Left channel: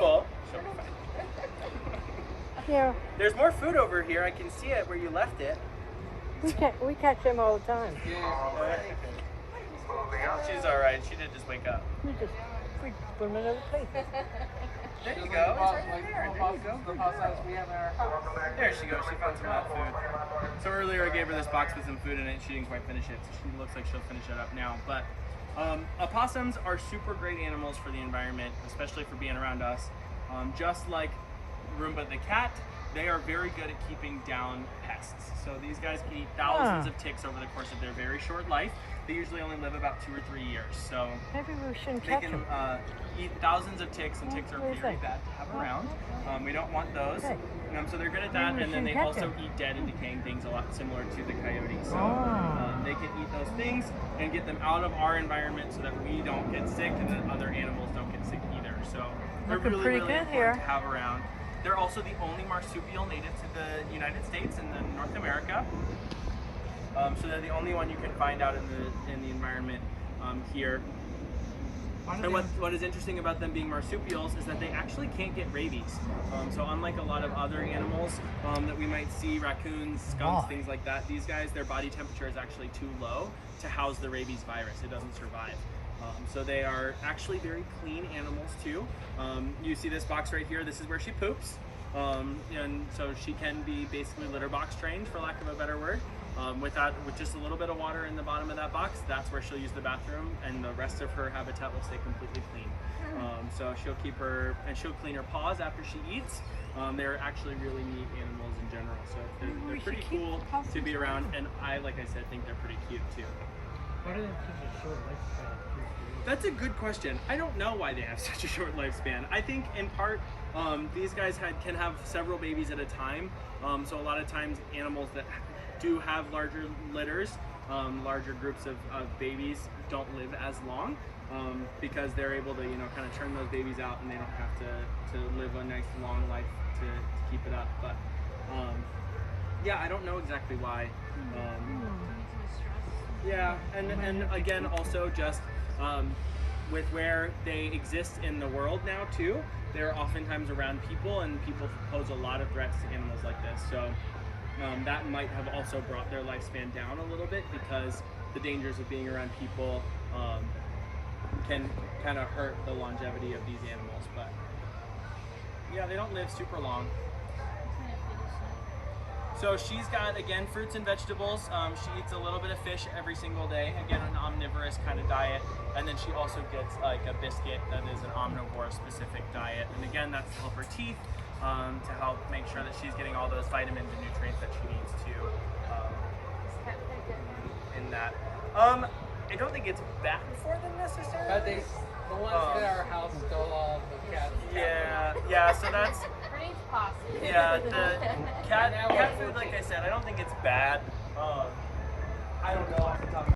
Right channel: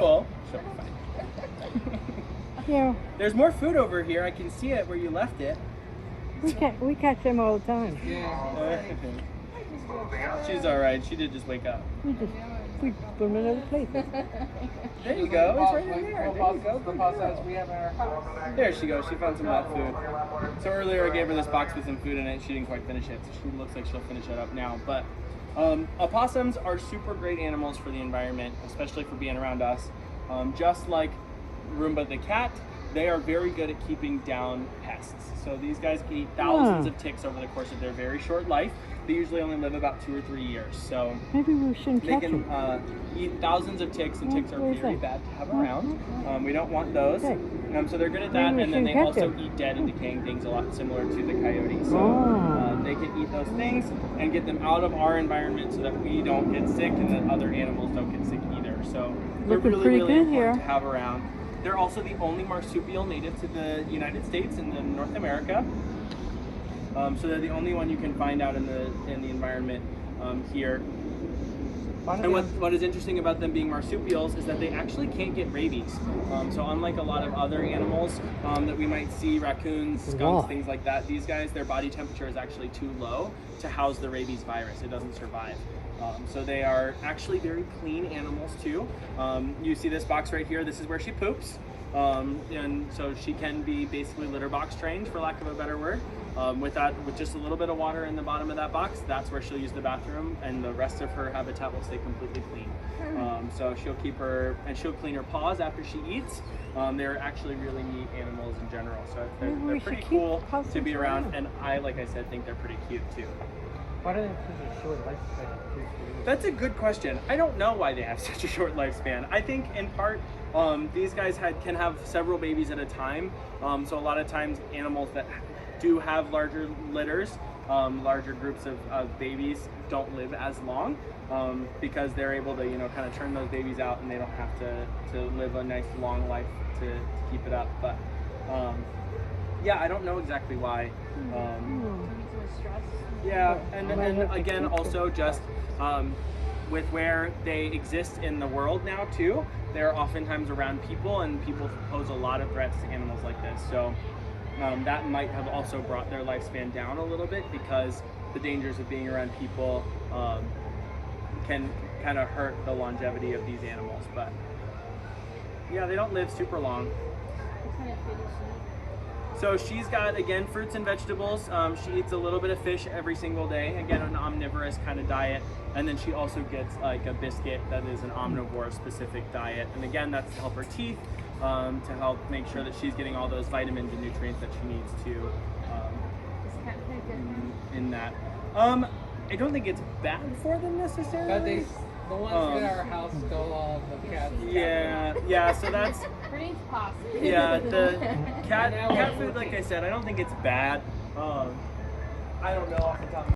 full. Yeah, There's more food over here. I can see it where you left it. we catch them all the time. She's all right. She did just wake up. We put them in other places. There you go. It's right in there. There you go. The possums we have in our house. There she goes. She found some of that food. So earlier I gave her this box with some food in it. She didn't quite finish it. So she looks like she'll finish that up now. But opossums are super great animals for the environment, especially for being around us. Just like Roomba the cat, they are very good at keeping down pests. So these guys can eat thousands of ticks over the course of their very short life. They usually only live about 2 or 3 years. So Maybe we shouldn't they catch can them. eat thousands of ticks, and ticks are very bad to have around. We don't want those. So they're good at that, and then they also eat dead and decaying things a lot similar to the coyote. So they can eat those things and get them out of our environment so that we don't get sick and that other animals don't get sick either. So they're really important to have around. They're also the only marsupial native to the United States and in North America. So they're the only one you can find out in the environment here. And what is interesting about them being marsupials is that they actually can't get rabies. So unlike a lot of other animals that we might see, raccoons, skunks, things like that, these guys, their body temperature is actually too low to house the rabies virus. It doesn't survive. So they are actually very clean animals too. You see this box right here, this is where she poops. And so she can be basically litter box trained, for lack of a better word. With just a little bit of water in the bottom of that box, that's where she'll use the bathroom, and the rest of her habitat will stay completely clean. So she'll keep her, and she'll clean her paws after she eats. They're actually really neat animals in general. So they're pretty cool to be around, and like I said, think they're pretty cute too. Why do they have such a short lifespan? That's a good question. I don't know why they have such a short lifespan. I think in part, these guys can have several babies at a time. So a lot of times animals that do have larger litters, larger groups of babies don't live as long because they're able to, kind of turn those babies out, and they don't have to live a nice long life to keep it up. But yeah, I don't know exactly why. Yeah, and again, also just with where they exist in the world now too, they're oftentimes around people, and people pose a lot of threats to animals like this. So that might have also brought their lifespan down a little bit, because the dangers of being around people can kind of hurt the longevity of these animals. But yeah, they don't live super long. So she's got, again, fruits and vegetables. She eats a little bit of fish every single day. Again, an omnivorous kind of diet. And then she also gets like a biscuit that is an omnivore specific diet. And again, that's to help her teeth, to help make sure that she's getting all those vitamins and nutrients that she needs to in that. I don't think it's bad for them necessarily. But the ones in our house stole all of the cats. Yeah, so that's... Yeah, the cat food, like I said, I don't think it's bad. I don't know off the top of